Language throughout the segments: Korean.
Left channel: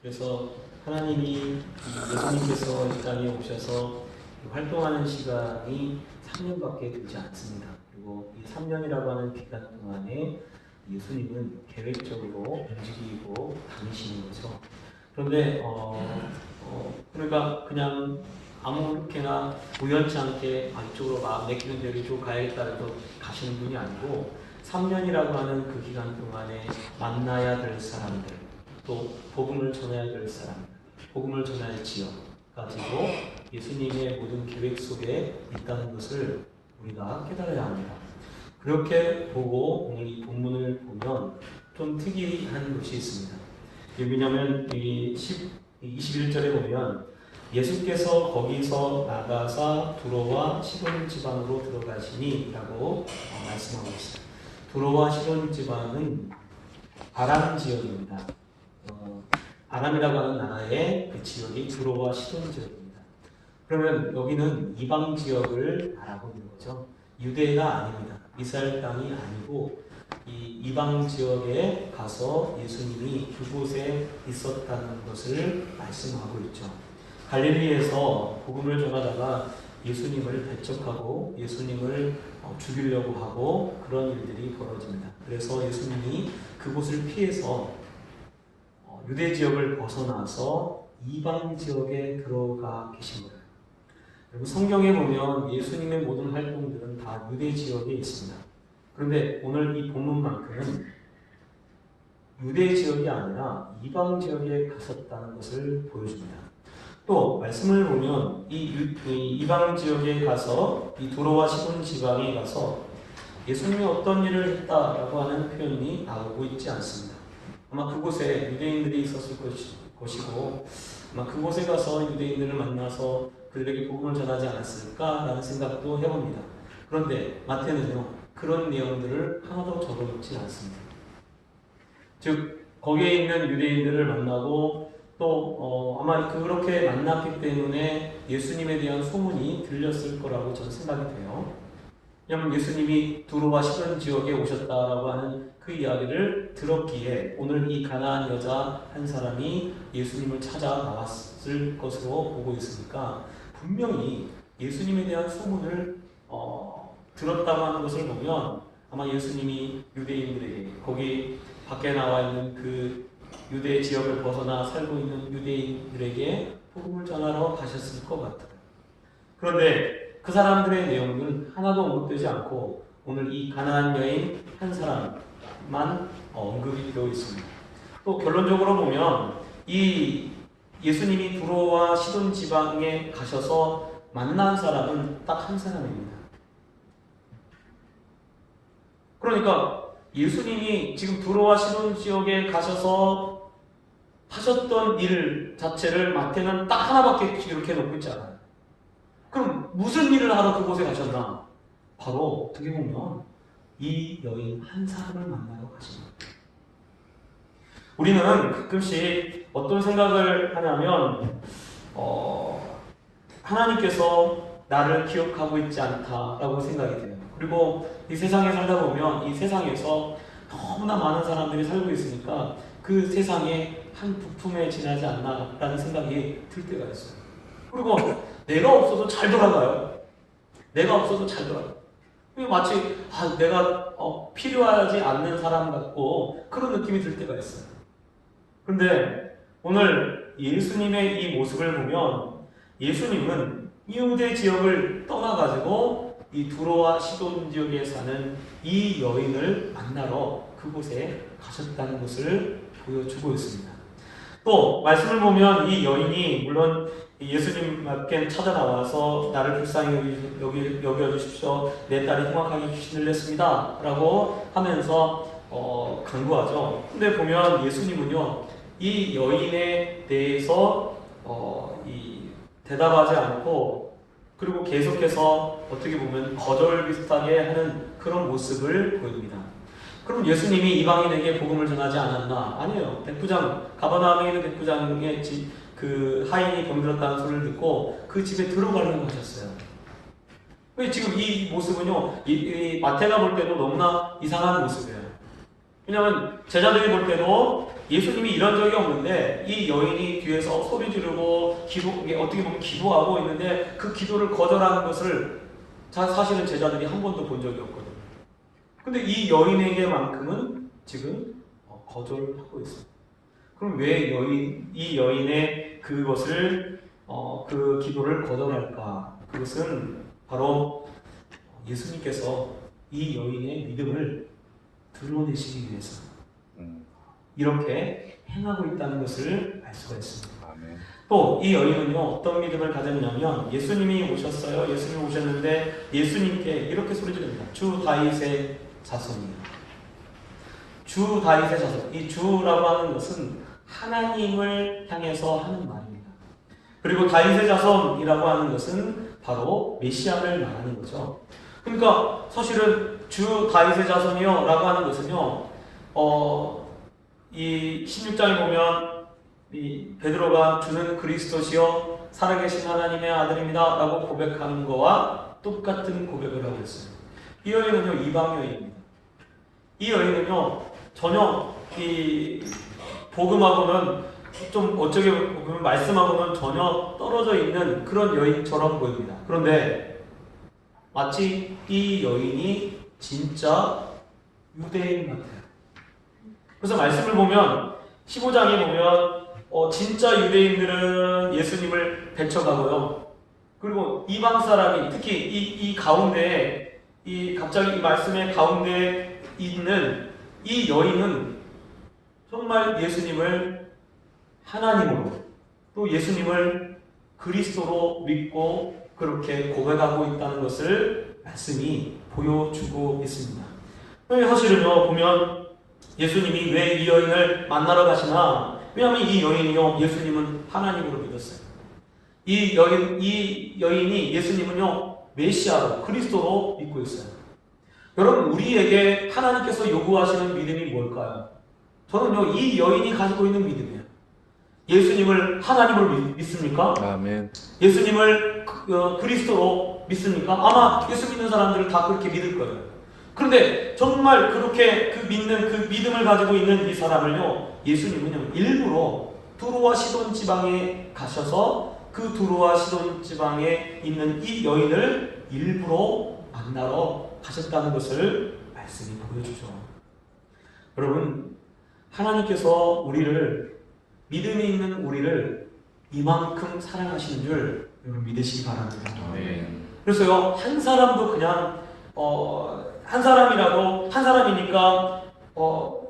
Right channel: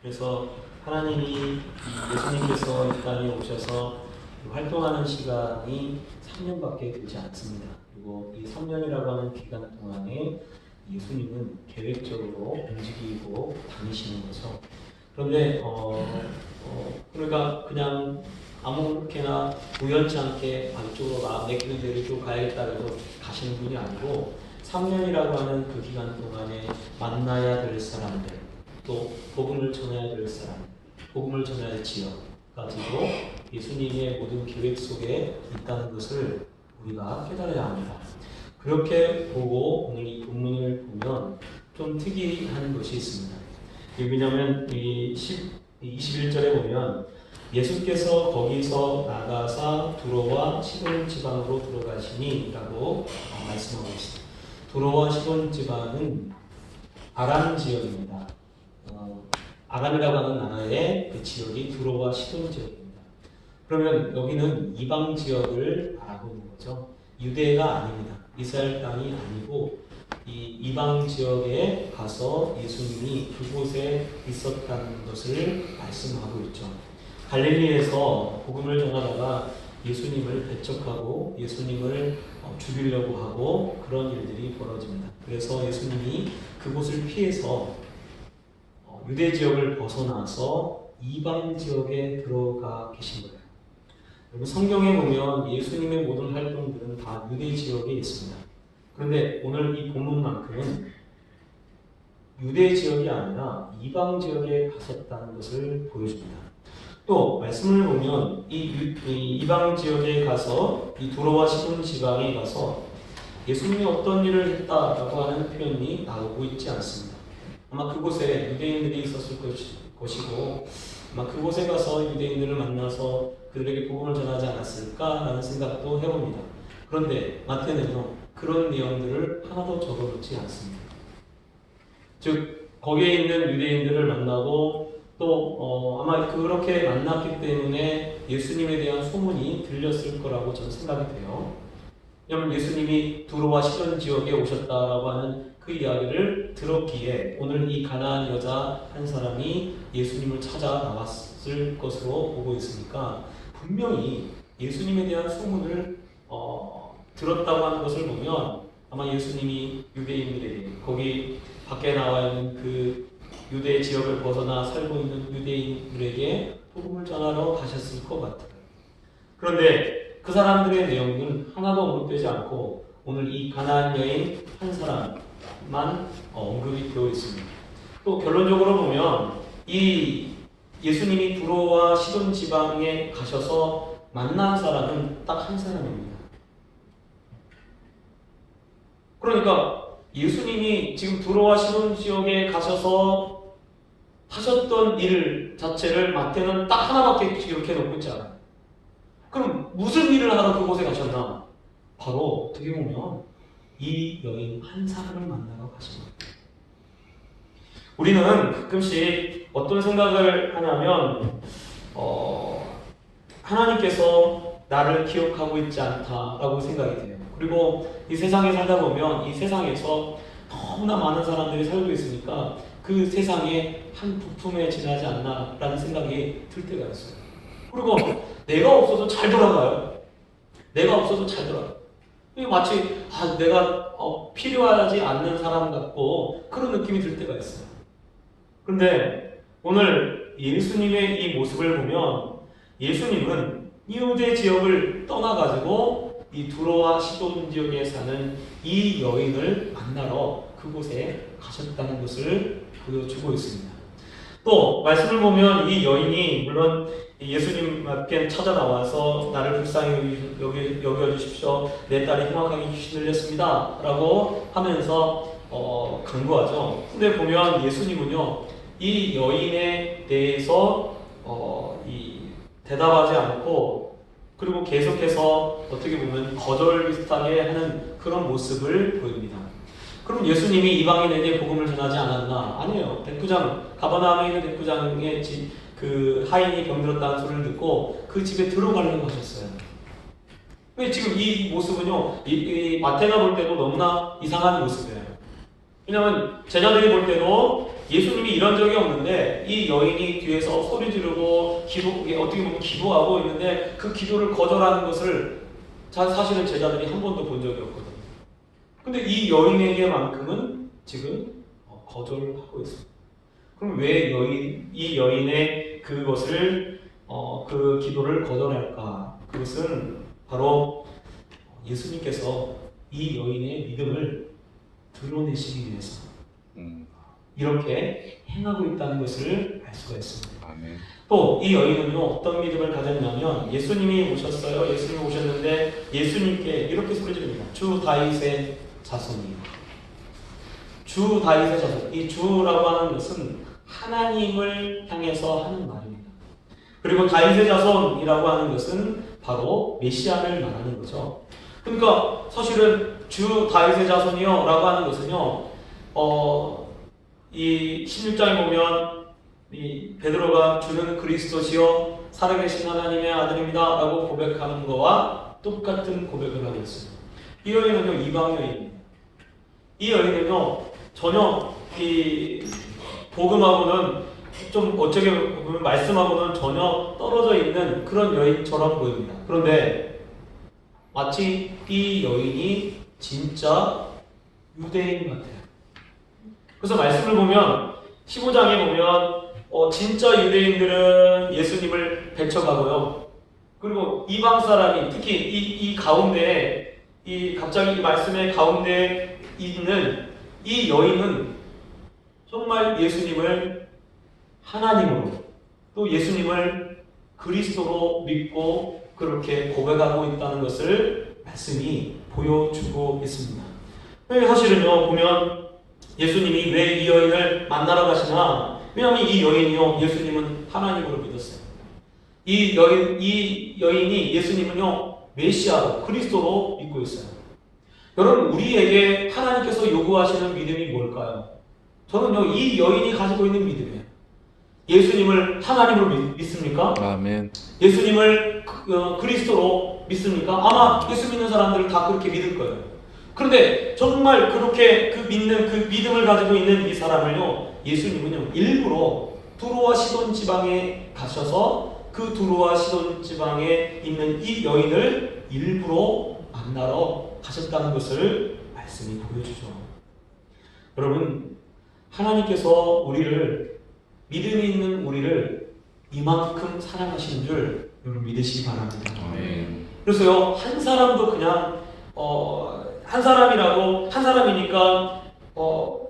그래서 하나님이 예수님께서 이 땅에 오셔서 활동하는 시간이 3년밖에 되지 않습니다. 그리고 이 3년이라고 하는 기간 동안에 예수님은 계획적으로 움직이고 다니시는 거죠. 그런데 그러니까 그냥 아무렇게나 우연치 않게 이쪽으로 마음 내키는 대로 이쪽으로 가야겠다 해서 가시는 분이 아니고 3년이라고 하는 그 기간 동안에 만나야 될 사람들, 또 복음을 전해야 될 사람, 복음을 전해야 할 지역 가지고 예수님의 모든 계획 속에 있다는 것을 우리가 깨달아야 합니다. 그렇게 보고 오늘 이 본문을 보면 좀 특이한 것이 있습니다. 왜냐하면 이 21절에 보면 예수께서 거기서 나가사 두로와 시돈 지방으로 들어가시니 라고 말씀하고 있어요. 두로와 시돈 지방은 아람 지역입니다. 아람이라고 하는 나라의 그 지역이 두로와 시돈 지역입니다. 그러면 여기는 이방 지역을 말하고 있는 거죠. 유대가 아닙니다. 이스라엘 땅이 아니고 이 이방 지역에 가서 예수님이 그곳에 있었다는 것을 말씀하고 있죠. 갈릴리에서 복음을 전하다가 예수님을 배척하고 예수님을 죽이려고 하고 그런 일들이 벌어집니다. 그래서 예수님이 그곳을 피해서 유대 지역을 벗어나서 이방 지역에 들어가 계신 거예요. 여러분 성경에 보면 예수님의 모든 활동들은 다 유대 지역에 있습니다. 그런데 오늘 이 본문만큼은 유대 지역이 아니라 이방 지역에 가셨다는 것을 보여줍니다. 또 말씀을 보면 이 이방 지역에 가서 이 두로와 시돈 지방에 가서 예수님이 어떤 일을 했다라고 하는 표현이 나오고 있지 않습니다. 아마 그곳에 유대인들이 있었을 것이고 아마 그곳에 가서 유대인들을 만나서 그들에게 복음을 전하지 않았을까라는 생각도 해봅니다. 그런데 마태는요 그런 내용들을 하나도 적어놓지 않습니다. 즉 거기에 있는 유대인들을 만나고 또 아마 그렇게 만났기 때문에 예수님에 대한 소문이 들렸을 거라고 저는 생각이 돼요. 왜냐하면 예수님이 두로와 시돈 지역에 오셨다라고 하는 그 이야기를 들었기에 오늘 이 가나안 여자 한 사람이 예수님을 찾아 나왔을 것으로 보고 있으니까 분명히 예수님에 대한 소문을 들었다고 하는 것을 보면 아마 예수님이 유대인들에게 거기 밖에 나와 있는 그 유대 지역을 벗어나 살고 있는 유대인들에게 복음을 전하러 가셨을 것 같아요. 그런데 그 사람들의 내용은 하나도 언급되지 않고 오늘 이 가나안 여인 한 사람만 언급이 되어 있습니다. 또 결론적으로 보면 이 예수님이 두로와 시돈 지방에 가셔서 만난 사람은 딱 한 사람입니다. 그러니까 예수님이 지금 두로와 시돈 지역에 가셔서 하셨던 일 자체를 마태는 딱 하나밖에 기록해 놓고 있지 않아요. 그럼 무슨 일을 하러 그곳에 가셨나? 바로 어떻게 보면 이 여인 한 사람을 만나러 가신 거예요. 우리는 가끔씩 어떤 생각을 하냐면 하나님께서 나를 기억하고 있지 않다라고 생각이 돼요. 그리고 이 세상에 살다 보면 이 세상에서 너무나 많은 사람들이 살고 있으니까 그 세상에 한 부품에 지나지 않나라는 생각이 들 때가 있어요. 그리고 내가 없어도 잘 돌아가요. 내가 없어도 잘 돌아가요. 마치 내가 필요하지 않는 사람 같고 그런 느낌이 들 때가 있어요. 그런데 오늘 예수님의 이 모습을 보면 예수님은 유대 지역을 떠나가지고 이 두로와 시돈 지역에 사는 이 여인을 만나러 그곳에 가셨다는 것을 보여주고 있습니다. 또 말씀을 보면 이 여인이 물론 예수님께 찾아 나와서 나를 불쌍히 여겨주십시오. 내 딸이 흉악하게 귀신을 냈습니다. 라고 하면서 강구하죠. 근데 보면 예수님은요 이 여인에 대해서 대답하지 않고 그리고 계속해서 어떻게 보면 거절 비슷하게 하는 그런 모습을 보입니다. 그럼 예수님이 이방인에게 복음을 전하지 않았나? 아니에요. 백부장, 가버나움에 있는 백부장의 집, 그 하인이 병들었다는 소리를 듣고 그 집에 들어가려고 하셨어요. 지금 이 모습은요, 이 마태가 볼 때도 너무나 이상한 모습이에요. 왜냐하면 제자들이 볼 때도 예수님이 이런 적이 없는데 이 여인이 뒤에서 소리 지르고 어떻게 보면 기도하고 있는데 그 기도를 거절하는 것을 사실은 제자들이 한 번도 본 적이 없거든요. 근데 이 여인에게만큼은 지금 거절하고 있습니다. 그럼 왜 이 여인의 그것을 그 기도를 거절할까? 그것은 바로 예수님께서 이 여인의 믿음을 드러내시기 위해서 이렇게 행하고 있다는 것을 알 수가 있습니다. 아멘. 또 이 여인은요 어떤 믿음을 가졌냐면 예수님이 오셨어요. 예수님이 오셨는데 예수님께 이렇게 소리 지릅니다. 주 다윗의 자손이요. 주 다윗의 자손. 이 주라고 하는 것은 하나님을 향해서 하는 말입니다. 그리고 다윗의 자손이라고 하는 것은 바로 메시아를 말하는 거죠. 그러니까 사실은 주 다윗의 자손이요 라고 하는 것은요 이 16장에 보면 이 베드로가 주는 그리스도시요 살아계신 하나님의 아들입니다 라고 고백하는 거와 똑같은 고백을 하고 있어요. 이 여인은요 이방 여인입니다. 이 여인은요 전혀 이 복음하고는 좀 어떻게 보면 말씀하고는 전혀 떨어져 있는 그런 여인처럼 보입니다. 그런데 마치 이 여인이 진짜 유대인 같아요. 그래서 말씀을 보면 15장에 보면 진짜 유대인들은 예수님을 배척하고요. 그리고 이방 사람이 특히 이 가운데 갑자기 이 말씀의 가운데 있는 이 여인은 정말 예수님을 하나님으로 또 예수님을 그리스도로 믿고 그렇게 고백하고 있다는 것을 말씀이 보여주고 있습니다. 사실은요 보면 예수님이 왜 이 여인을 만나러 가시나? 왜냐하면 이 여인이요 예수님은 하나님으로 믿었어요. 이 여인이 예수님은요 메시아로 그리스도로 믿고 있어요. 여러분 우리에게 하나님께서 요구하시는 믿음이 뭘까요? 저는요 이 여인이 가지고 있는 믿음이에요. 예수님을 하나님으로 믿습니까? 아멘. 예수님을 그리스도로 믿습니까? 아마 예수 믿는 사람들은 다 그렇게 믿을 거예요. 그런데 정말 그렇게 그 믿음을 가지고 있는 이 사람을요 예수님은요 일부러 두로와 시돈 지방에 가셔서 그 두로와 시돈 지방에 있는 이 여인을 일부러 만나러 가셨다는 것을 말씀이 보여주죠. 여러분 하나님께서 믿음이 있는 우리를 이만큼 사랑하시는 줄 여러분 믿으시기 바랍니다. 아멘. 그래서요 한 사람도 그냥 한 사람이니까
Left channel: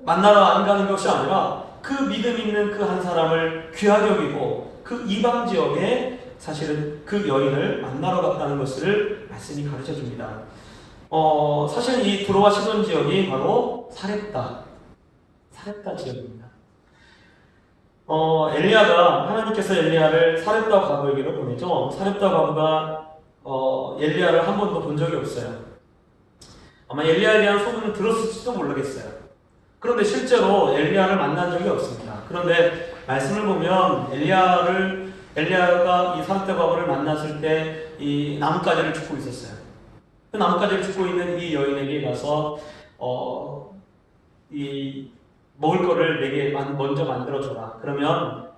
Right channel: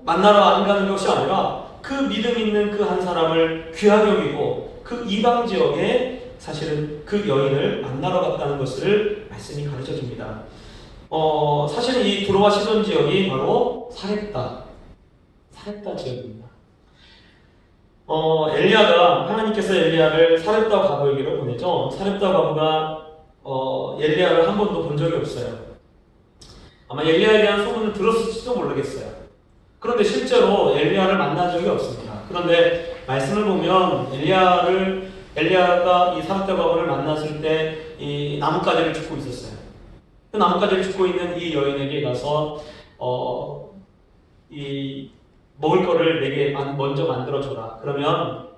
만나러 안 가는 것이 아니라 그 믿음 있는 그 한 사람을 귀하게 여기고 그 이방 지역에 사실은 그 여인을 만나러 갔다는 것을 말씀이 가르쳐 줍니다. 사실은 이 두로와 시돈 지역이 바로 사렙다 지역입니다. 하나님께서 엘리야를 사렙다 과부에게로 보내죠. 사렙다 과부가 엘리야를 한 번도 본 적이 없어요. 아마 엘리야에 대한 소문을 들었을지도 모르겠어요. 그런데 실제로 엘리야를 만난 적이 없습니다. 그런데 말씀을 보면 엘리야가 이 사렙다 과부를 만났을 때 이 나뭇가지를 줍고 있었어요. 그 나뭇가지를 줍고 있는 이 여인에게 가서 이 먹을 거를 내게 먼저 만들어줘라. 그러면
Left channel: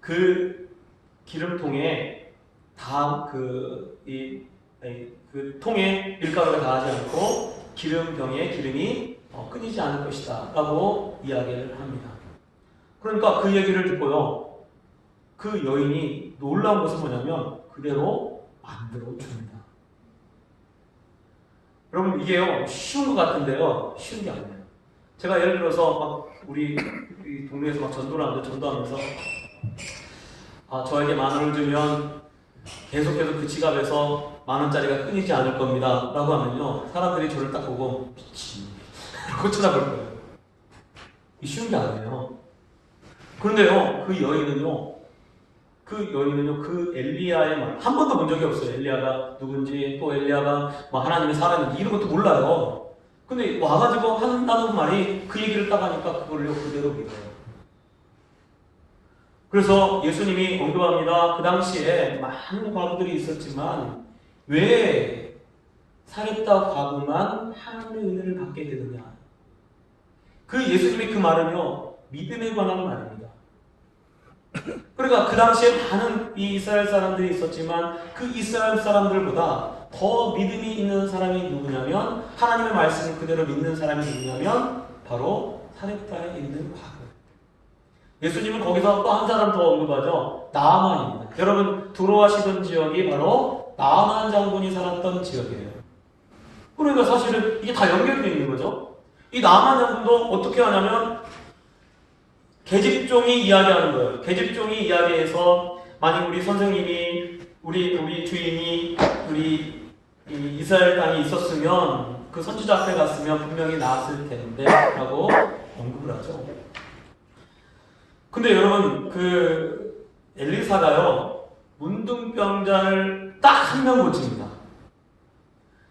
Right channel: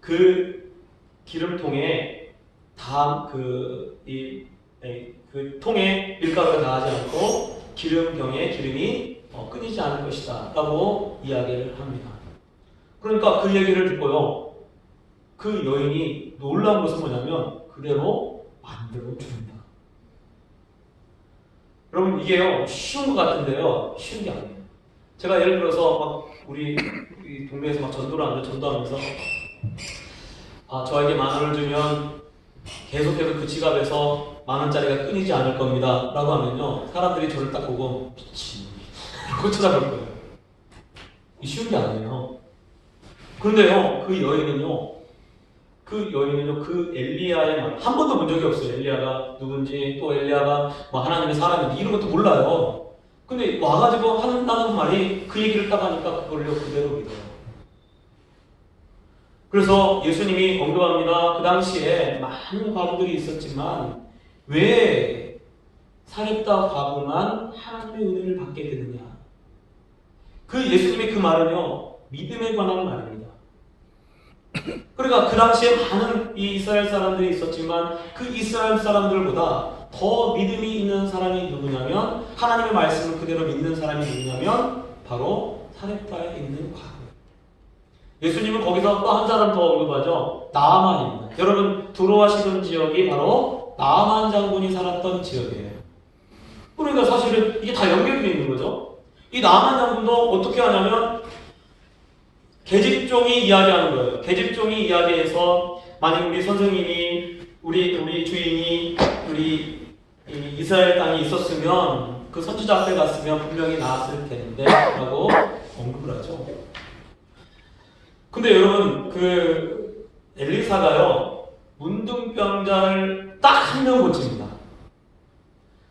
그 기름통에 그 통에 밀가루가 닿지 않고 기름병에 기름이 끊이지 않을 것이다 라고 이야기를 합니다. 그러니까 그 얘기를 듣고요 그 여인이 놀라운 것은 뭐냐면 그대로 만들어 줍니다. 여러분 이게요 쉬운 것 같은데요 쉬운 게 아니에요. 제가 예를 들어서 막 우리 동네에서 막 전도하면서 저에게 10,000원을 주면 계속해서 그 지갑에서 10,000원짜리가 끊이지 않을 겁니다 라고 하면요 사람들이 저를 딱 보고 미친 이러고 쳐다볼 거예요. 이 쉬운 게 아니에요. 그런데요 그 여인은요 그 엘리야의 말 한 번도 본 적이 없어요. 엘리야가 누군지 또 엘리야가 하나님의 사람인지 이런 것도 몰라요. 근데 와가지고 한다는 말이 그 얘기를 딱 하니까 그걸요 그대로 믿어요. 그래서 예수님이 언급합니다. 그 당시에 많은 과부들이 있었지만 왜 사렙다 과부만 하나님의 은혜를 받게 되느냐. 예수님의 그 말은요 믿음에 관한 말입니다. 그러니까 그 당시에 많은 이 이스라엘 사람들이 있었지만 그 이스라엘 사람들보다 더 믿음이 있는 사람이 누구냐면 하나님의 말씀을 그대로 믿는 사람이 누구냐면 바로 사렙다에 있는 과부. 예수님은 거기서 또 한 사람 더 언급하죠. 나아만입니다. 여러분 두로아시던 지역이 바로 나아만 장군이 살았던 지역이에요. 그러니까 사실은 이게 다 연결되어 있는 거죠. 이 나아만 장군도 어떻게 하냐면 계집종이 이야기하는 거예요. 계집종이 이야기해서 만약 우리 선생님이 우리 주인이 우리 이스라엘 땅에 있었으면 그 선지자 앞에 갔으면 분명히 나았을 텐데 라고 언급을 하죠. 근데 여러분 그 엘리사가요 문둥병자를 딱 한 명 고칩니다.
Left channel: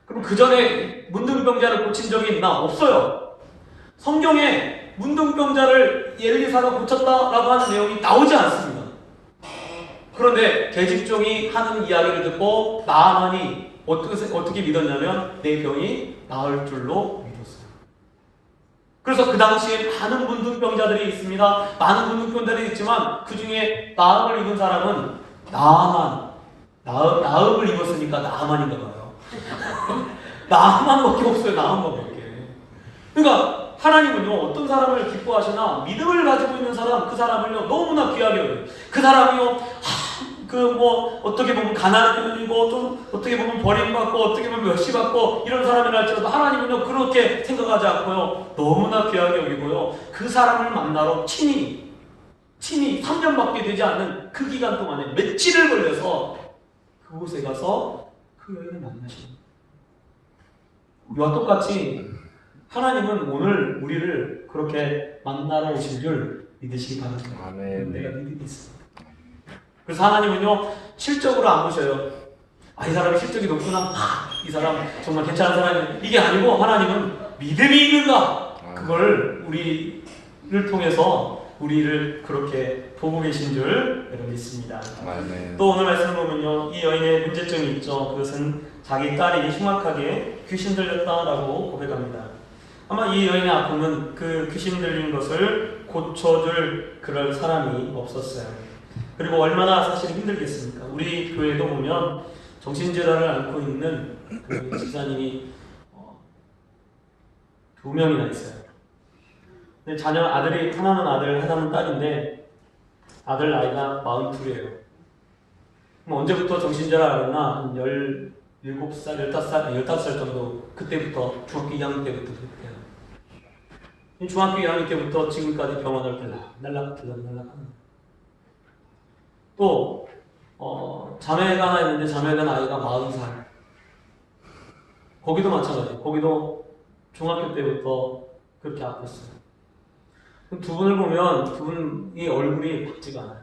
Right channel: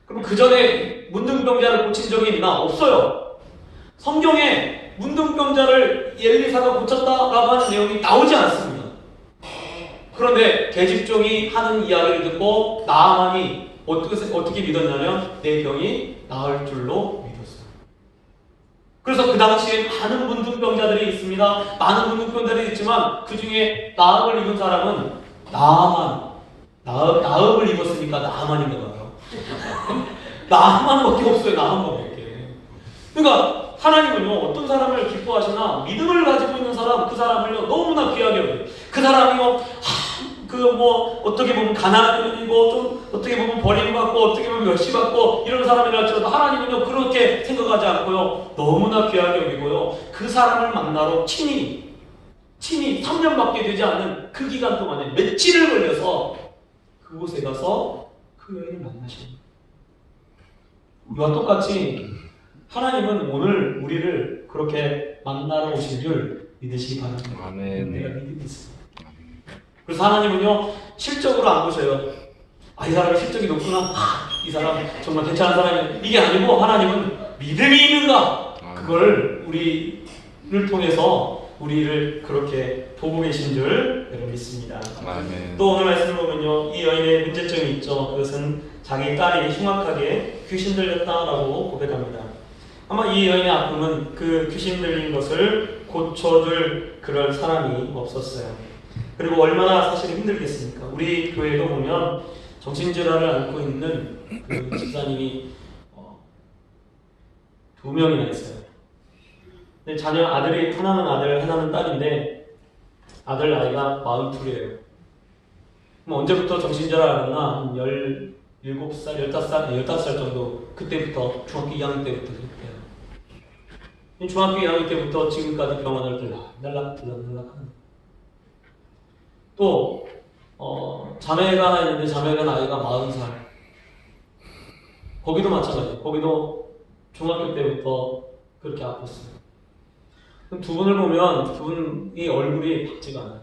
그럼 그 전에 문둥병자를 고친 적이 있나? 없어요. 성경에 문둥병자를 엘리사가 고쳤다라고 하는 내용이 나오지 않습니다. 그런데 계집종이 하는 이야기를 듣고 나아만이 어떻게 믿었냐면 내 병이 나을 줄로 믿었어요. 그래서 그 당시에 많은 문둥병자들이 있습니다. 많은 문둥병자들이 있지만 그 중에 나음을 입은 사람은 나음을 입었으니까 나아만인가 봐요. 나아만밖에 없어요. 나아만밖에. 그러니까 하나님은요 어떤 사람을 기뻐하시나 믿음을 가지고 있는 사람 그 사람을요 너무나 귀하게 여겨요. 그 사람이요 어떻게 보면 가난이고 좀 어떻게 보면 버림받고 어떻게 보면 멸시받고 이런 사람이랄지라도 하나님은요 그렇게 생각하지 않고요 너무나 귀하게 여기고요 그 사람을 만나러 친히 3년밖에 되지 않는 그 기간 동안에 며칠을 걸려서 그곳에 가서 그 여인을 만나십니다. 이와 똑같이 하나님은 오늘 우리를 그렇게 만나러 오실 줄 믿으시기 바랍니다. 아멘. 내가 믿음이 있습니다. 그래서 하나님은요 실적으로 안 보셔요. 이 사람이 실적이 높구나. 이 사람 정말 괜찮은 사람이 이게 아니고 하나님은 믿음이 있는가 그걸 우리를 통해서 우리를 그렇게 보고 계신 줄 여러분 믿습니다. 아멘. 또 오늘 말씀을 보면요 이 여인의 문제점이 있죠. 그것은 자기 딸이 흉악하게 귀신 들렸다라고 고백합니다. 아마 이 여인의 아픔은 그 귀신 들린 것을 고쳐줄 그럴 사람이 없었어요. 그리고 얼마나 사실 힘들겠습니까? 우리 교회도 보면 정신질환을 앓고 있는 그 집사님이 2명이나 있어요. 근데 자녀 아들이 하나는 아들, 하나는 딸인데 아들 나이가 42이에요. 그럼 언제부터 정신질환을 앓았나? 한 17살, 15살 정도 그때부터 중학교 2학년 때부터 그랬대요. 중학교 2학년 때부터 지금까지 병원을 들락하는 또 자매가 하나 있는데 자매가 나이가 40살. 거기도 마찬가지예요. 거기도 중학교 때부터 그렇게 아팠어요. 두 분을 보면 두 분이 얼굴이 밝지가 않아요.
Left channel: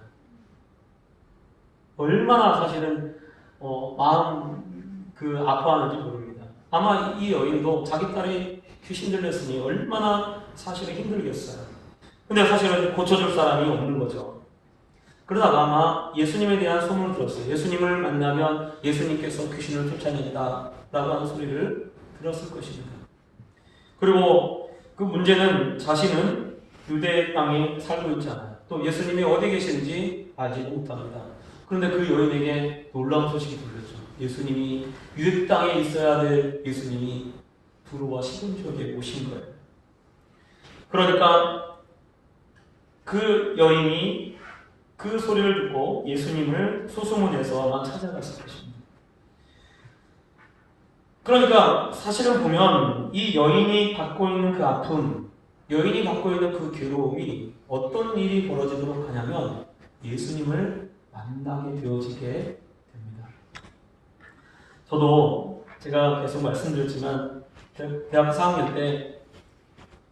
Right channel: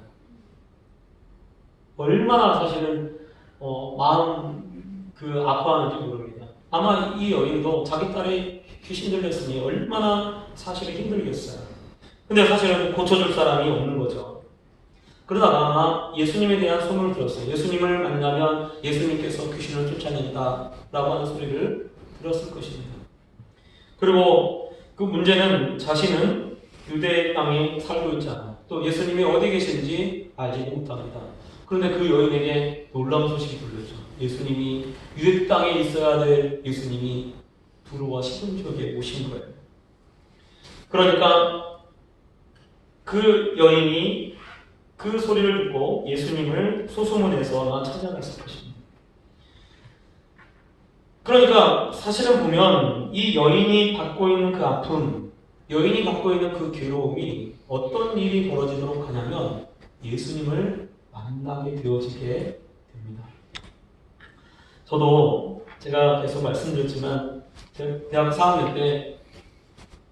얼마나 사실은 마음 아파하는지 모릅니다. 아마 이 여인도 자기 딸이 귀신 들렸으니 얼마나 사실은 힘들겠어요. 근데 사실은 고쳐줄 사람이 없는 거죠. 그러다가 아마 예수님에 대한 소문을 들었어요. 예수님을 만나면 예수님께서 귀신을 쫓아낸다 라고 하는 소리를 들었을 것입니다. 그리고 그 문제는 자신은 유대 땅에 살고 있지 않아요. 또 예수님이 어디 계신지 알지도 못합니다. 그런데 그 여인에게 놀라운 소식이 들렸죠. 예수님이 유대 땅에 있어야 될 예수님이 두로와 시돈 지역에 오신 거예요. 그러니까 그 여인이 그 소리를 듣고 예수님을 소소문해서만 찾아갔을 것입니다. 그러니까 사실은 보면 이 여인이 받고 있는 그 아픔, 여인이 받고 있는 그 괴로움이 어떤 일이 벌어지도록 하냐면 예수님을 만나게 되어지게 됩니다. 저도 제가 계속 말씀드렸지만 제가 대학 4학년 때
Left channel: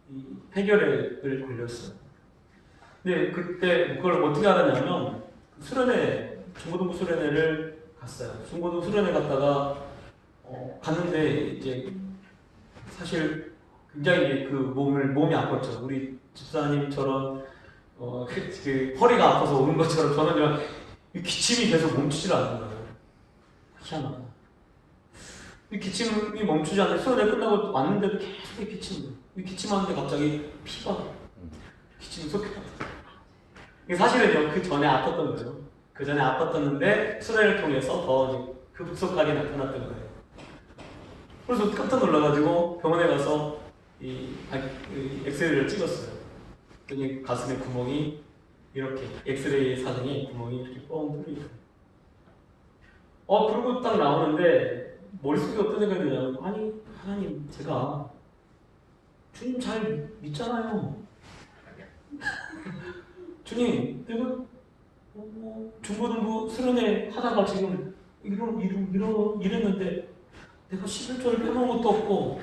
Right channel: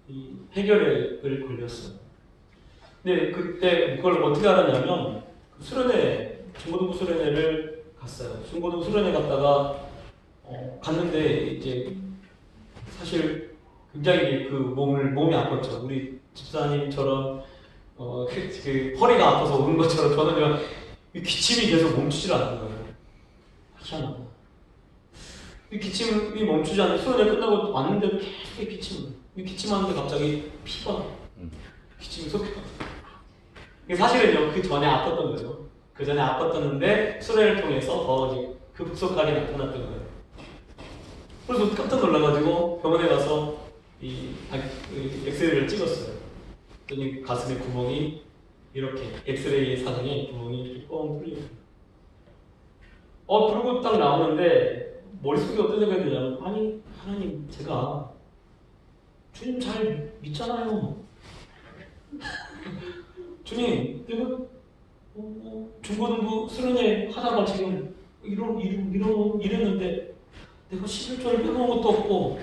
이 폐결핵을 걸렸어요. 근데 그때 그걸 어떻게 알았냐면 수련회, 중고등부 수련회를 갔어요. 중고등부 수련회 갔다가 갔는데 이제 사실 굉장히 몸이 아팠죠. 우리 집사님처럼 허리가 아파서 오는 것처럼 저는 그냥 기침이 계속 멈추질 않는 거예요. 희한하다. 이 기침이 멈추지 않는 수련회 끝나고 왔는데도 계속 기침하는데 갑자기 피가 기침이 속. 사실은요, 그 전에 아팠던 거죠. 그 전에 아팠었는데 수련을 통해서 더 이제 급속하게 나타났던 거예요. 그래서 깜짝 놀라가지고 병원에 가서 엑스레이를 찍었어요. 그랬더니 가슴에 구멍이 이렇게 엑스레이 사진에 구멍이 이렇게 뻥 뚫리고. 그러고 딱 나오는데 머릿속에 어떤 생각이 들냐면, 아니 하나님, 제가 주님 잘 믿잖아요. 주님, 내가 중고등부 수련회 하다가 지금 이랬는데 내가 11조를 빼먹은 것도 없고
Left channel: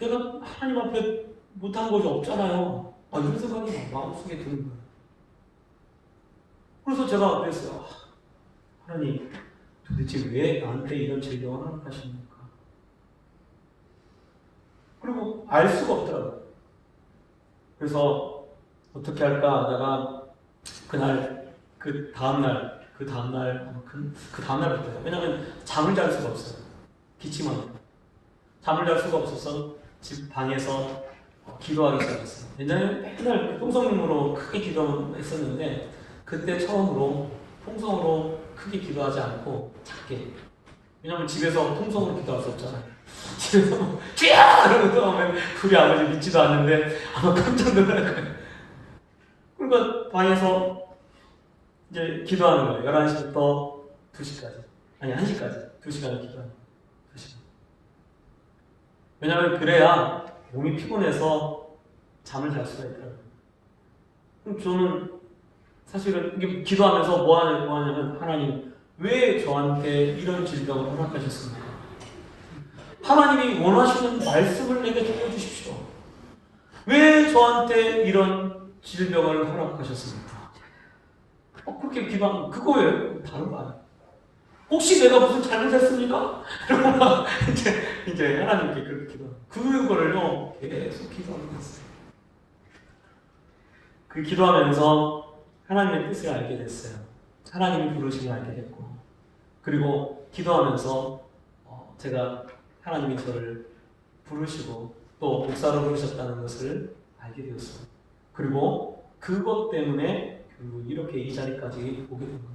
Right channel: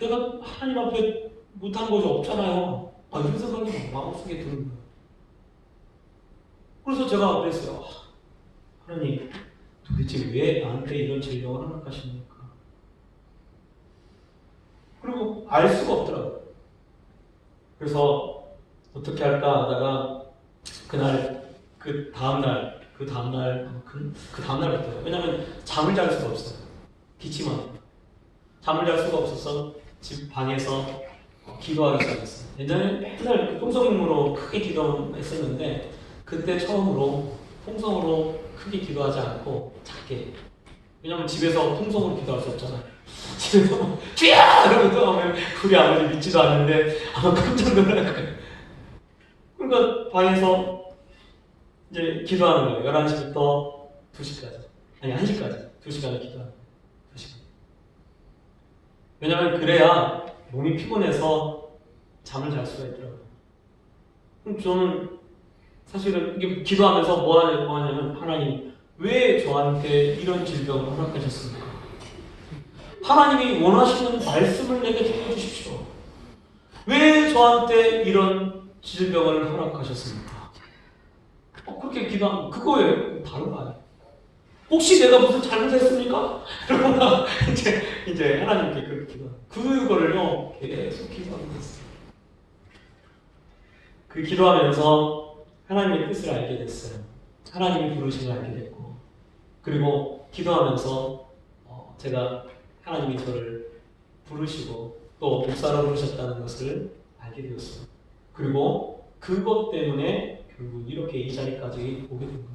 내가 하나님 앞에 못한 것이 없잖아요. 이런 생각이 마음속에 드는 거예요. 그래서 제가 그랬어요. 하나님, 도대체 왜 나한테 이런 질병을 허락하십니까? 그리고 알 수가 없더라고요. 그래서 어떻게 할까 하다가 그 다음날부터요. 왜냐면 잠을 잘 수가 없어요. 기침하니까. 잠을 잘 수가 없어서 집 방에서 기도하기 시작했어요. 옛날에 맨날 통성으로 크게 기도했었는데 그때 처음으로 통성으로 크게 기도하지 않고 작게. 왜냐면 집에서 통성으로 기도할 수 없잖아요. 집에서 쥐야! 이러고 기도하면 우리 아버지 믿지도 않는데 아마 깜짝 놀랄 거예요. 그러니까 방에서 이제 기도하는 거예요. 11시부터 2시까지. 아니, 1시까지. 2시간을 기도하는 거예요. 2시간. 왜냐하면 그래야 몸이 피곤해서 잠을 잘 수가 있더라고요. 그럼 저는 사실은 이게 기도하면서 뭐 하냐면, 하나님, 왜 저한테 이런 질병을 허락하셨습니까? 하나님이 원하시는 말씀을 내게 들려주십시오. 왜 저한테 이런 질병을 허락하셨습니까? 그렇게 기도하면 그거예요. 다른 거 아니에요. 혹시 내가 무슨 잘못했습니까? 그러면 이제 하나님께 그렇게 기도하는 그거를요 계속 기도하는 거였어요. 그 기도하면서 하나님의 뜻을 알게 됐어요. 하나님이 부르심을 알게 됐고, 그리고 기도하면서 제가 하나님이 저를 부르시고 또 목사로 부르셨다는 것을 알게 되었어요. 그리고 그것 때문에 결국 이렇게 이 자리까지 오게 된 거예요.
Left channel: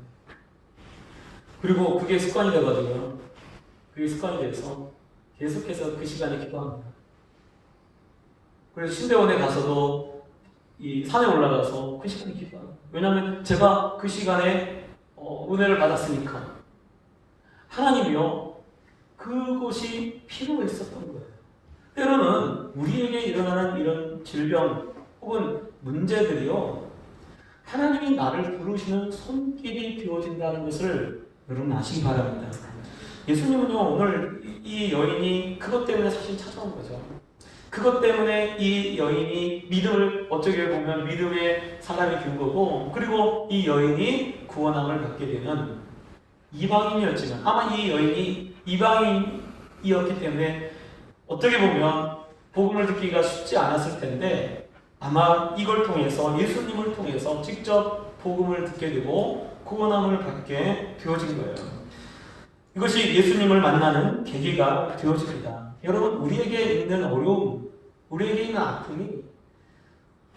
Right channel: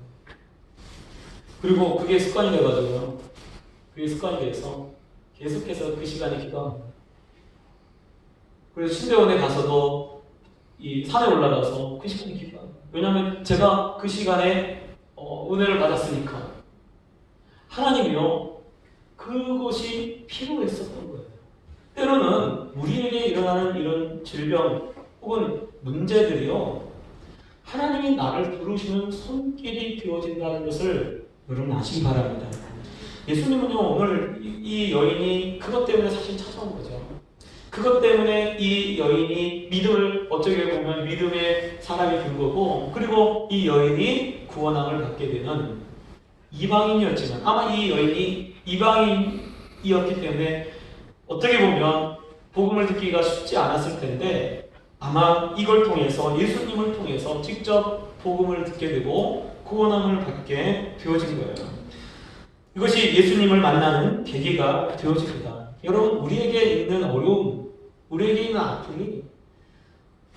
그리고 그게 습관이 돼가지고요. 그게 습관이 돼서 계속해서 그 시간에 기도합니다. 그래서 신대원에 가서도 이 산에 올라가서 그 시간에 기도합니다. 왜냐하면 제가 그 시간에 은혜를 받았으니까. 하나님이요, 그것이 필요했었던 거예요. 때로는 우리에게 일어나는 이런 질병 혹은 문제들이요, 하나님이 나를 부르시는 손길이 되어진다는 것을 여러분 아시기 바랍니다. 예수님은요, 오늘 이 여인이 그것 때문에 사실 찾아온 거죠. 그것 때문에 이 여인이 믿음을, 어떻게 보면 믿음의 사람이 된 거고, 그리고 이 여인이 구원함을 받게 되는 이방인이었지만, 아마 이 여인이 이방인이었기 때문에 어떻게 보면 복음을 듣기가 쉽지 않았을 텐데, 아마 이걸 통해서, 예수님을 통해서 직접 복음을 듣게 되고 구원함을 받게 되어진 거예요. 이것이 예수님을 만나는 계기가 되어집니다. 여러분, 우리에게 있는 어려움, 우리에게 있는 아픔이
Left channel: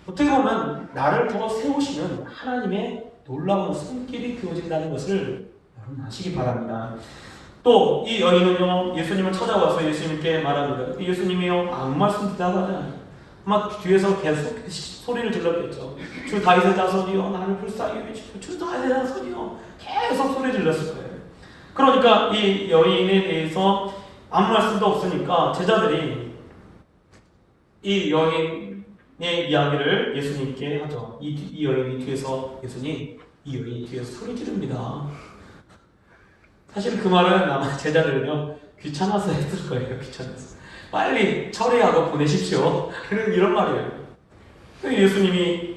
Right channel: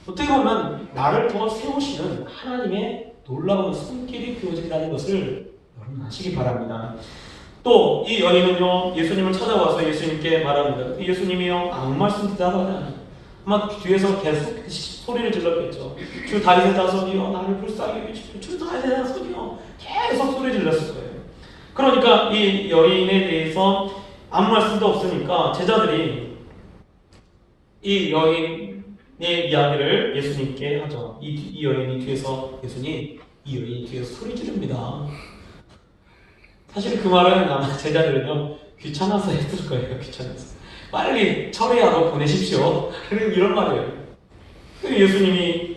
어떻게 보면 나를 더 세우시는 하나님의 놀라운 손길이 되어진다는 것을 여러분 아시기 바랍니다. 또 이 여인은요, 예수님을 찾아와서 예수님께 말합니다. 예수님이요, 아무 말씀 대답하지 않아요. 아마 뒤에서 계속 소리를 질렀겠죠. 주 다윗의 자손이요, 나를 불쌍히 여기시고, 주 다윗의 자손이요, 계속 소리 질렀을 거예요. 그러니까 이 여인에 대해서 아무 말씀도 없으니까 제자들이 이 여인의 이야기를 예수님께 하죠. 이 여인이 뒤에서, 이 여인이 뒤에서 소리 지릅니다. 사실 그 말은 아마 제자들은요, 귀찮아서 했을 거예요. 귀찮아서. 빨리 처리하고 보내십시오. 이런 말이에요. 예수님이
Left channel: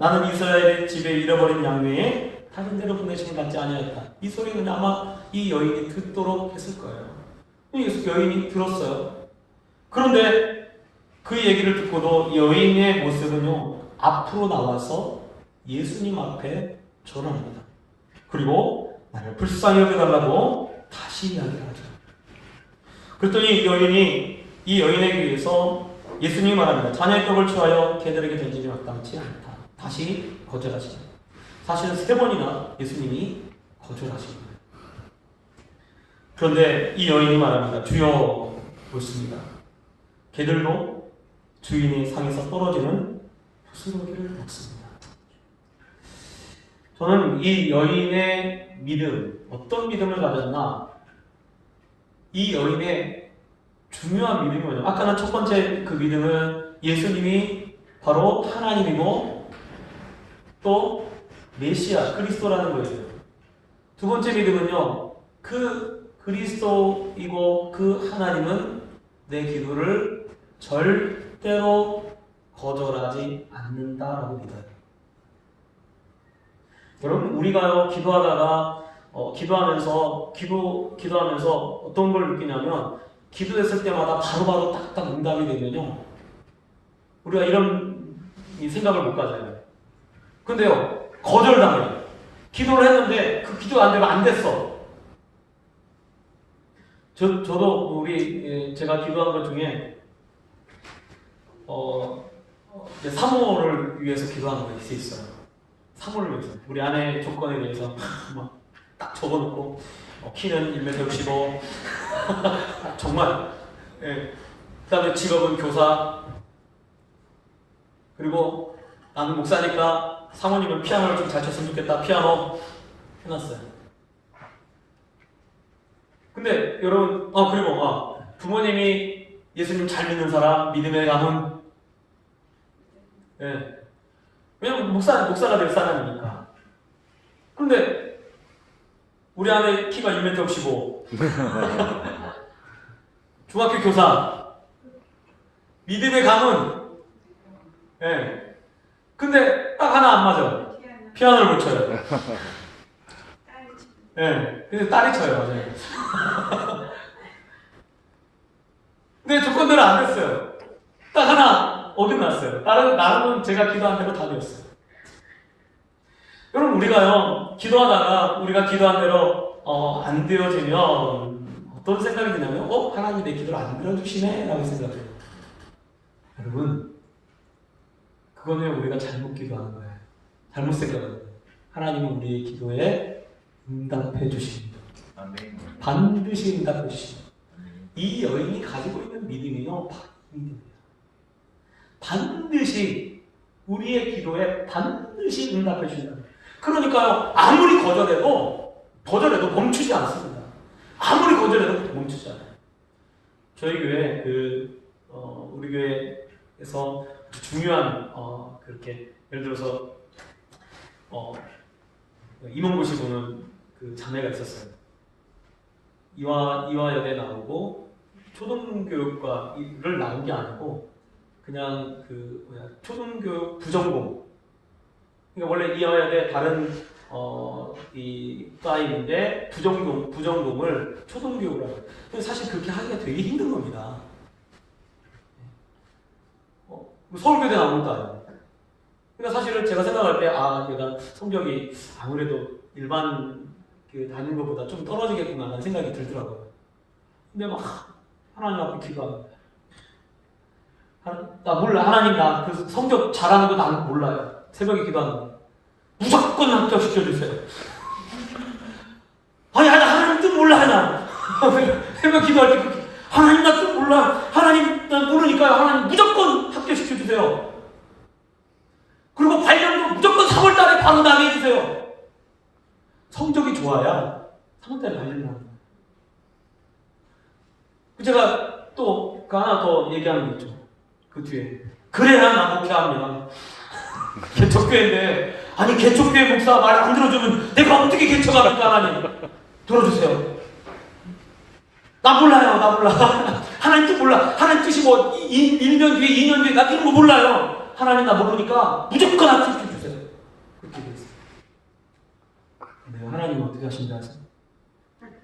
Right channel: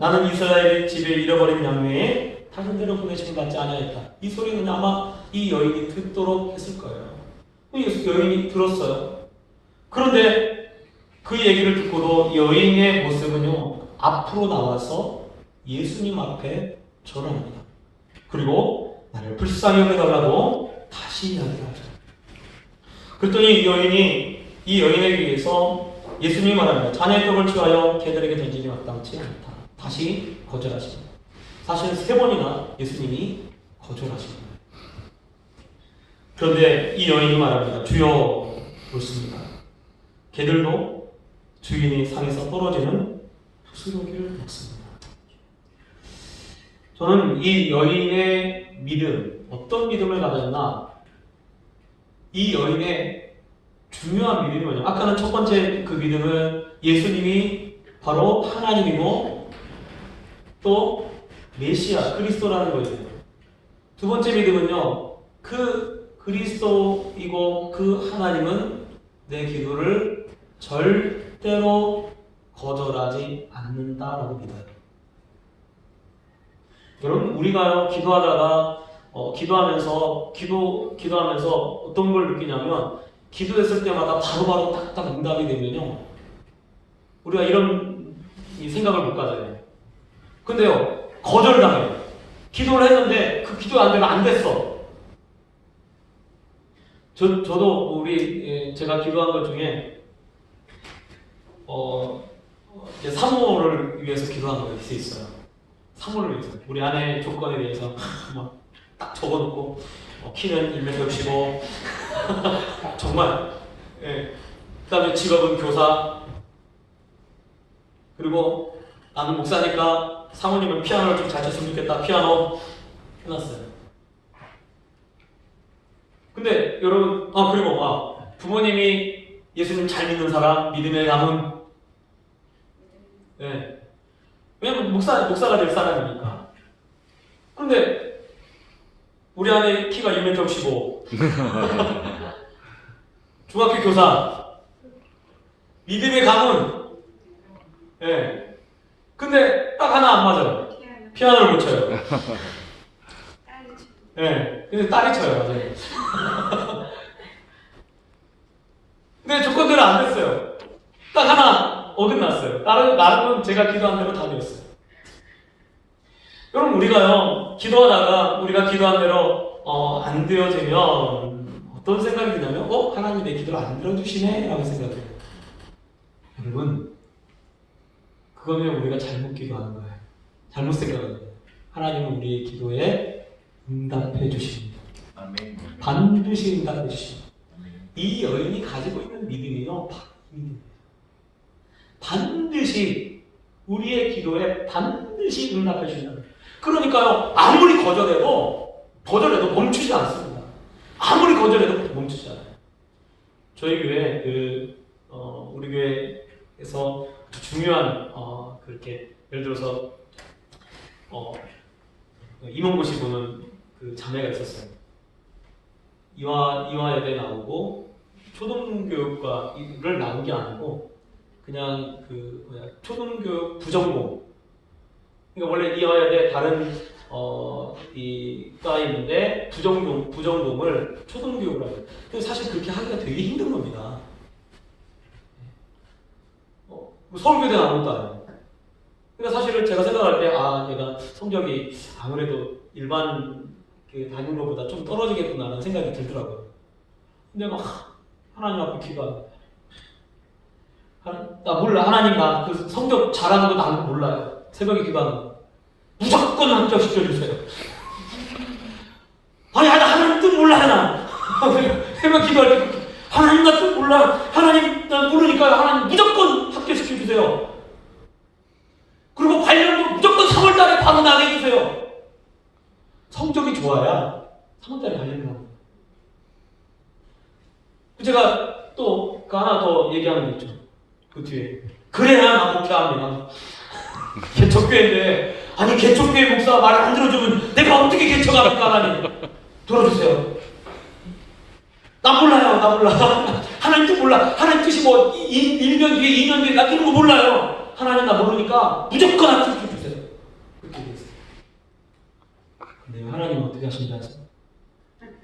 나는 이스라엘 집에 잃어버린 양 외에 다른 데로 보내심을 받지 아니하였다. 이 소리는 아마 이 여인이 듣도록 했을 거예요. 여인이 들었어요. 그런데 그 얘기를 듣고도 여인의 모습은요, 앞으로 나와서 예수님 앞에 절합니다. 그리고 나를 불쌍히 여겨달라고 다시 이야기를 하죠. 그랬더니 이 여인에게 의해서 예수님이 말합니다. 자녀의 떡을 취하여 개들에게 던지기 마땅치 않다. 다시 거절하시다. 사실은 3번이나 예수님이 거절하신 거예요. 그런데 이 여인이 말합니다. 주여, 그렇습니다. 개들도 주인의 상에서 떨어지는 부스러기를 먹습니다. 저는 이 여인의 믿음, 어떤 믿음을 가졌나, 이 여인의 중요한 믿음이 뭐냐면, 아까는 첫 번째 그 믿음은 예수님이 바로 하나님이고 또 메시아, 그리스도라는 거예요. 두 번째 믿음은요, 그 그리스도이고 그 하나님은 내 기도를 절대로 거절하지 않는다라고 믿어요. 여러분, 우리가요, 기도하면서 어떤 걸 느끼냐면, 기도했을 때마다 바로바로 딱딱 응답이 되면요, 우리가 이런 생각을 못 가져요. 근데요, 거절당해요. 기도를 했는데 그 기도 안 되면 안 됐어. 저도 제가 기도한 것 중에 사모를 위해서 기도하는 거 있어요. 사모를 위해서. 우리 아내 조건에 대해서 막 딱 적어놓고 키는 1m 65 정말. 예. 그다음에 직업은 교사. 그리고 나는 목사니까 사모님은 피아노를 좀 잘 쳤으면 좋겠다. 피아노 해놨어요. 근데 여러분, 그리고 부모님이 예수님 잘 믿는 사람, 믿음의 가문. 예. 왜냐면 목사가 될 사람이니까. 그런데 우리 아내 키가 1m 65 중학교 교사, 믿음의 가문. 예. 근데 딱 하나 안 맞아. 피아노를 못 쳐요. 예. 근데 딸이 쳐요, 맞아요. 근데 조건대로 안 됐어요. 딱 하나 어긋났어요. 나는 제가 기도한 대로 다 되었어요. 여러분, 우리가요, 우리가 기도한 대로 안 되어지면 어떤 생각이 드냐면, 하나님이 내 기도를 안 들어주시네? 라고 생각해요. 여러분, 그거는 우리가 잘못 기도하는 거예요. 잘못 생각하는 거예요. 하나님은 우리의 기도에 응답해 주십니다. 반드시 응답해 주십니다. 이 여인이 가지고 있는 믿음이요, 믿음이에요. 반드시 우리의 기도에 반드시 응답해 주신다. 그러니까요, 아무리 거절해도 멈추지 않습니다. 아무리 거절해도 멈추지 않아요. 저희 교회 우리 교회에서 중요한 그렇게 예를 들어서 임원고시 보는 그 자매가 있었어요. 이화여대 나오고 초등교육과를 나온 게 아니고 그냥 초등교육 부전공. 그러니까 원래 이화여대 다른 이 과에 있는데 부전공을 초등교육으로 해요. 근데 사실 그렇게 하기가 되게 힘든 겁니다. 서울교대 나온 것도 아니에요. 그러니까 사실은 제가 생각할 때 얘가 성적이 아무래도 일반 다니는 것보다 좀 떨어지겠구나라는 생각이 들더라고요. 근데 막 하나님 앞에 기도합니다. 나 몰라. 하나님, 나 그 성적 잘하는 거 나는 몰라요. 새벽에 기도하는 거. 무조건 합격시켜주세요. 아니, 하나님 뜻 몰라요, 나. 새벽 기도할 때 하나님 나 뜻 몰라. 하나님 나 모르니까요. 하나님 무조건 합격시켜주세요. 그리고 발령도 무조건 3월달에 바로 나게 해주세요. 성적이 좋아야 3월달에 발령을 합니다. 제가 또 하나 더 얘기하는 게 있죠. 그 뒤에. 그래야 나 목회합니다. 개척교회인데, 아니 개척교회 목사가 말 안 들어주면 내가 어떻게 개척합니까? 하나님 들어주세요. 나 몰라요. 나 몰라. 하나님 뜻 몰라. 하나님 뜻이 뭐 1년 뒤에 2년 뒤에 나 이런 거 몰라요. 하나님 나 모르니까 무조건 합격해주세요. 그렇게 됐어요. 근데 하나님 어떻게 하신지 아세요?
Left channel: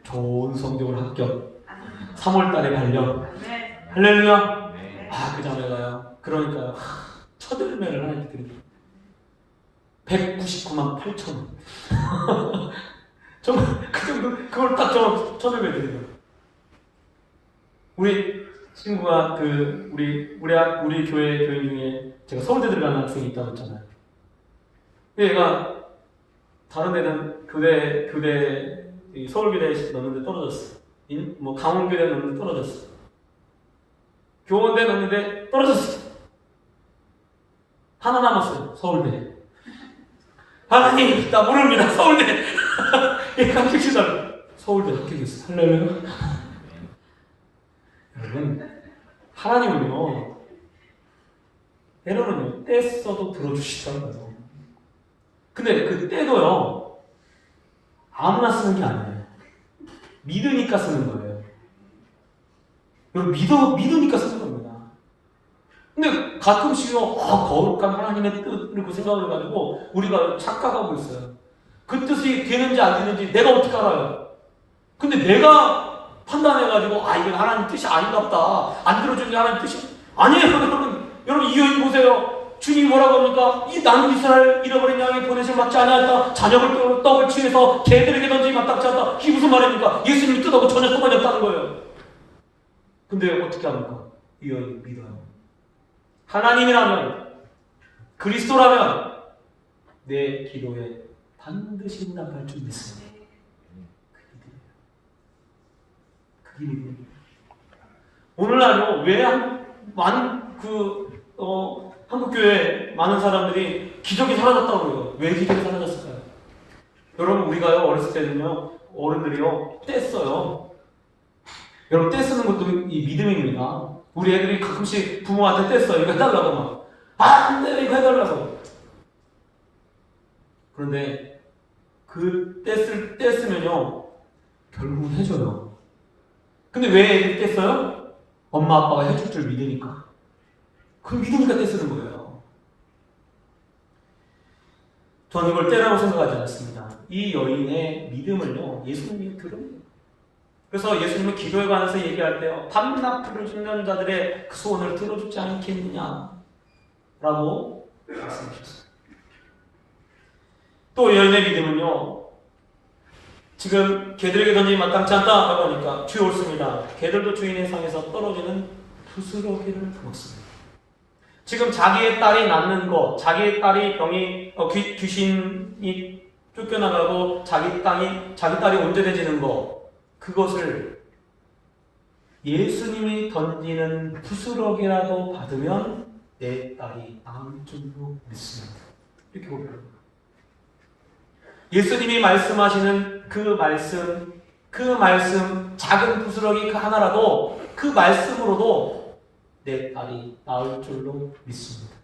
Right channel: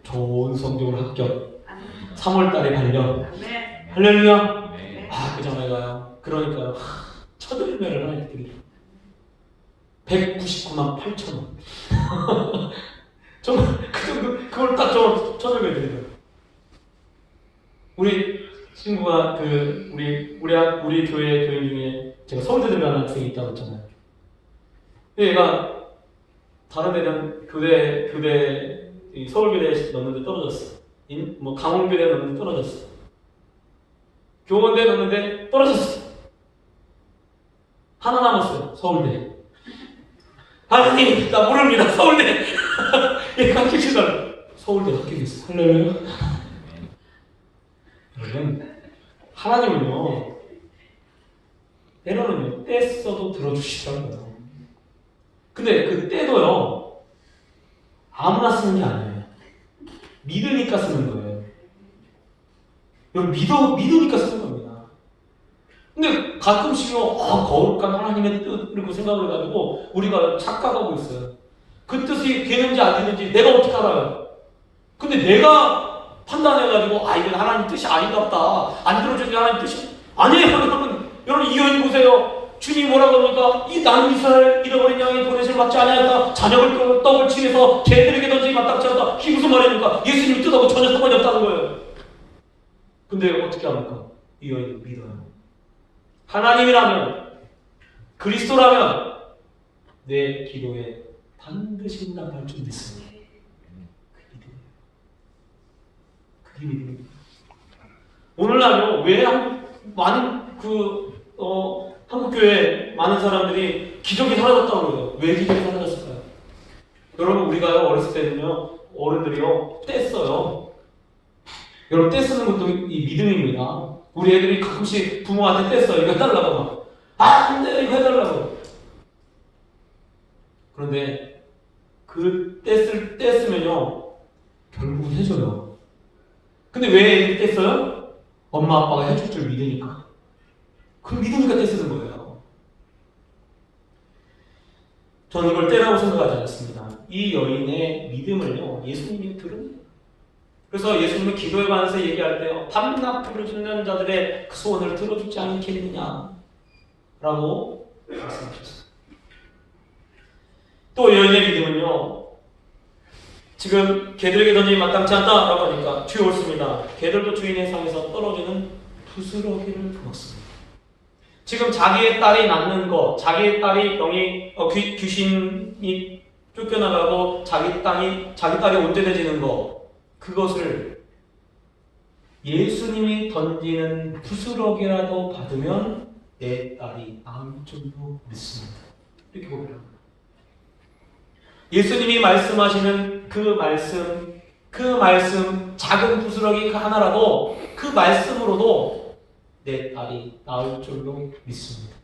좋은 성적으로 합격. 3월달에 발령. 할렐루야. 그 자매가요. 그러니까요. 첫 열매를 하나님께 드리죠. 199만 8천 원. 정말 그 정도, 그걸 딱 첫 열매 드리죠. 우리 친구가 우리 교회 교인 중에 제가 서울대 들어가는 학생이 있다고 했잖아요. 얘가 다른 애는 교대 서울교대에 넣는데 떨어졌어. 뭐 강원교대에 넣는데 떨어졌어. 교원대에 넣는데 떨어졌어. 하나 남았어요. 서울대. 하나님, 나 모릅니다. 서울대. 얘가 합격시켜달라. 서울대 합격했어. 할렐루야. 여러분, 하나님은요, 때로는요, 때 써도 들어주시더라고요. 근데 그 때도요, 아무나 쓰는 게 아니에요. 믿으니까 쓰는 거예요. 여러분, 믿으니까 쓰는 겁니다. 근데 가끔씩요, 거룩한 하나님의 뜻, 이렇게 생각을 가지고 우리가 착각하고 있어요. 그 뜻이 되는지 안 되는지 내가 어떻게 알아요? 근데 내가 판단해가지고, 이건 하나님 뜻이 아닌가 보다. 안 들어주는 게 하나님 뜻이 아니에요, 여러분. 여러분, 이 여인 보세요. 주님이 뭐라고 합니까? 이 나는 이스라엘 잃어버린 양의 보내심을 받지 아니하였다. 자녀를 떡을 취해서 개들에게 던지기 마땅치 않다. 이게 무슨 말입니까? 예수님이 뜻하고 전혀 상관이 없다는 거예요. 근데 어떻게 합니까? 이 여인은 믿어요. 하나님이라면, 그리스도라면 내 기도에 반드시 응답할 줄 믿습니다. 그게 믿음입니다. 오늘날요, 왜 많은 한국교회 많은 사람들이 기적이 사라졌다고 그래요. 왜 기적이 사라졌을까요? 여러분, 우리가요, 어렸을 때는요, 어른들이요, 떼써요. 여러분, 떼쓰는 것도 이 믿음입니다. 우리 애들이 가끔씩 부모한테 떼써요. 이거 해달라고 막. 안 돼요, 이거 해달라고. 그런데 그 떼쓰면요, 결국은 해줘요. 근데 왜 애들이 떼써요? 엄마 아빠가 해줄 줄 믿으니까. 그걸 믿으니까 떼쓰는 거예요. 저는 이걸 떼라고 생각하지 않습니다. 이 여인의 믿음을요, 예수님이 들은. 그래서 예수님은 기도에 관해서 얘기할 때 밤낮으로 죽는 자들의 그 소원을 들어주지 않겠느냐 라고 말씀하셨어요. 또 여인의 믿음은요, 지금 개들에게 던지기 마땅치 않다라고 하니까 뒤에 옳습니다. 개들도 주인의 상에서 떨어지는 부스러기를 먹습니다. 지금 자기의 딸이 낳는 것, 자기의 딸이 병이 귀신이 쫓겨나가고 자기 딸이 온전해지는 것, 그것을 예수님이 던지는 부스러기라도 받으면 내 딸이 나을 줄로 믿습니다. 이렇게 고백합니다. 예수님이 말씀하시는 그 말씀 작은 부스러기 그 하나라도 그 말씀으로도 내 딸이 나을 줄로 믿습니다.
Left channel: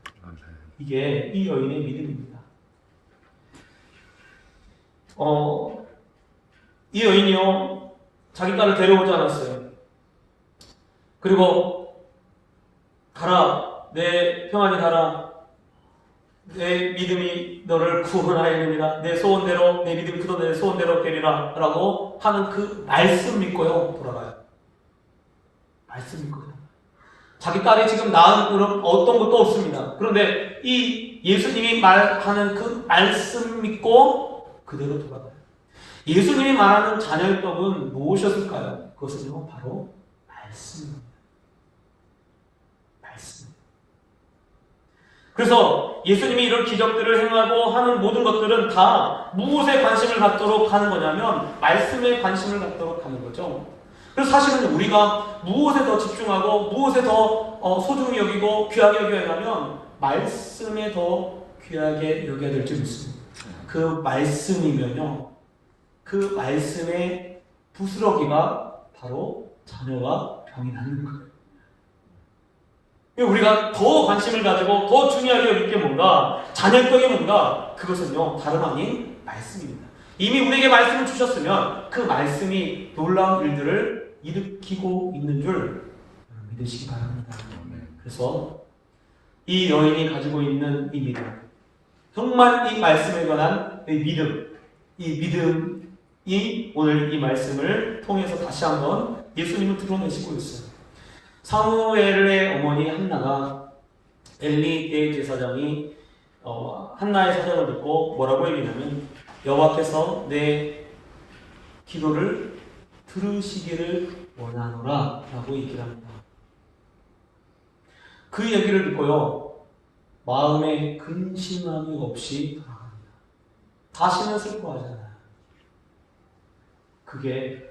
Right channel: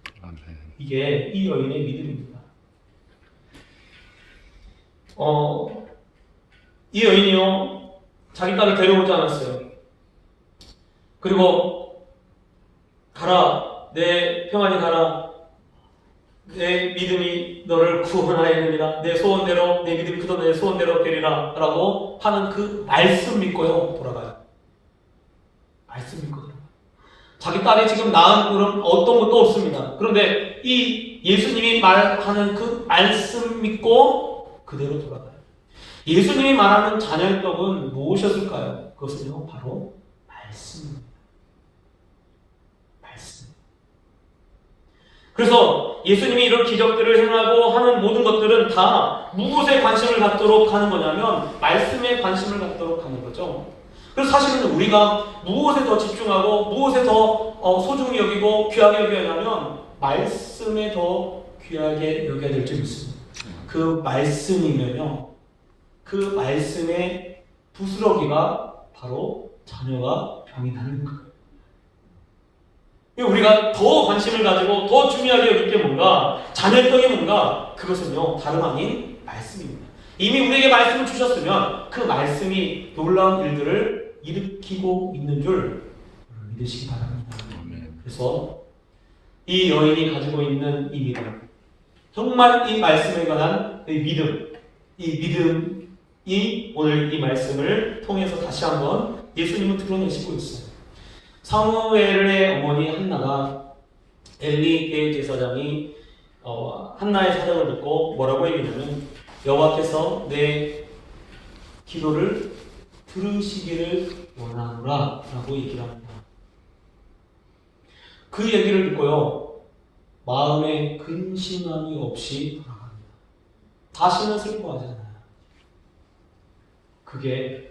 이게 이 여인의 믿음입니다. 이 여인이요, 자기 딸을 데려오지 않았어요. 그리고 가라, 내 평안히 가라, 내 믿음이 너를 구원하였느니라, 내 소원대로, 내 믿음이 크도 내 소원대로 되리라 라고 하는 그 말씀 믿고요, 돌아가요. 말씀 믿고 돌아가요. 자기 딸이 지금 낳은 그런 어떤 것도 없습니다. 그런데 이 예수님이 말하는 그 말씀 믿고 그대로 돌아가요. 예수님이 말하는 자녀의 떡은 무엇이었을까요? 그것은요, 바로 말씀입니다. 말씀. 그래서 예수님이 이런 기적들을 행하고 하는 모든 것들은 다 무엇에 관심을 갖도록 하는 거냐면 말씀에 관심을 갖도록 하는 거죠. 그래서 사실은 우리가 무엇에 더 집중하고 무엇에 더 소중히 여기고 귀하게 여겨야 하면 말씀에 더 귀하게 여겨야 될 줄 믿습니다. 그 말씀이면요, 그 말씀의 부스러기가 바로 자녀가 병이 나는 거예요. 우리가 더 관심을 가지고 더 중요하게 여길 게 뭔가, 자녀의 떡이 뭔가, 그것은요, 다름 아닌 말씀입니다. 이미 우리에게 말씀을 주셨으면 그 말씀이 놀라운 일들을 일으키고 있는 줄 믿으시기 바랍니다. 그래서 이 여인이 가지고 있는 이 믿음, 정말 이 말씀에 관한 이 믿음이 오늘 이 말씀을 통해서 다시 한번 예수님을 드러내시고 있어요. 사무엘의 어머니 한나가 엘리 대제사장이 한나의 사정을 듣고 뭐라고 얘기하냐면, 여호와께서 내 기도를 들으시기를 원하노라 라고 얘기를 합니다. 그 얘기를 듣고요, 마음에 근심함이 없이 돌아갑니다. 다시는 슬퍼하지 않아요. 그게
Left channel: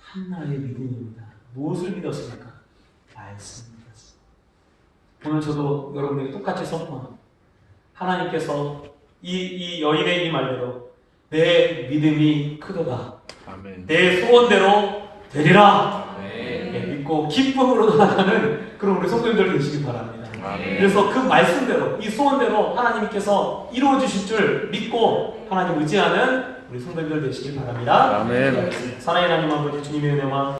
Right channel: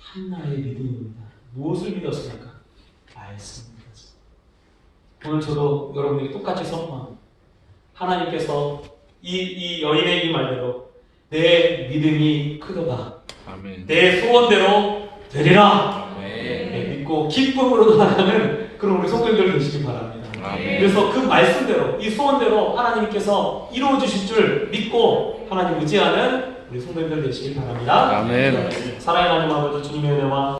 한나의 믿음입니다. 무엇을 믿었습니까? 말씀을 믿었습니다. 오늘 저도 여러분에게 똑같이 선포합니다. 하나님께서 이 여인의 이 말대로 내 믿음이 크도다. 아멘. 내 소원대로 되리라. 아멘. 믿고 기쁨으로 나가는 그런 우리 성도님들 되시길 바랍니다. 아멘. 그래서 그 말씀대로, 이 소원대로 하나님께서 이루어 주실 줄 믿고 하나님 의지하는 우리 성도님들 되시길 바랍니다. 아멘. 사랑의 하나님 아버지, 주님의 은혜와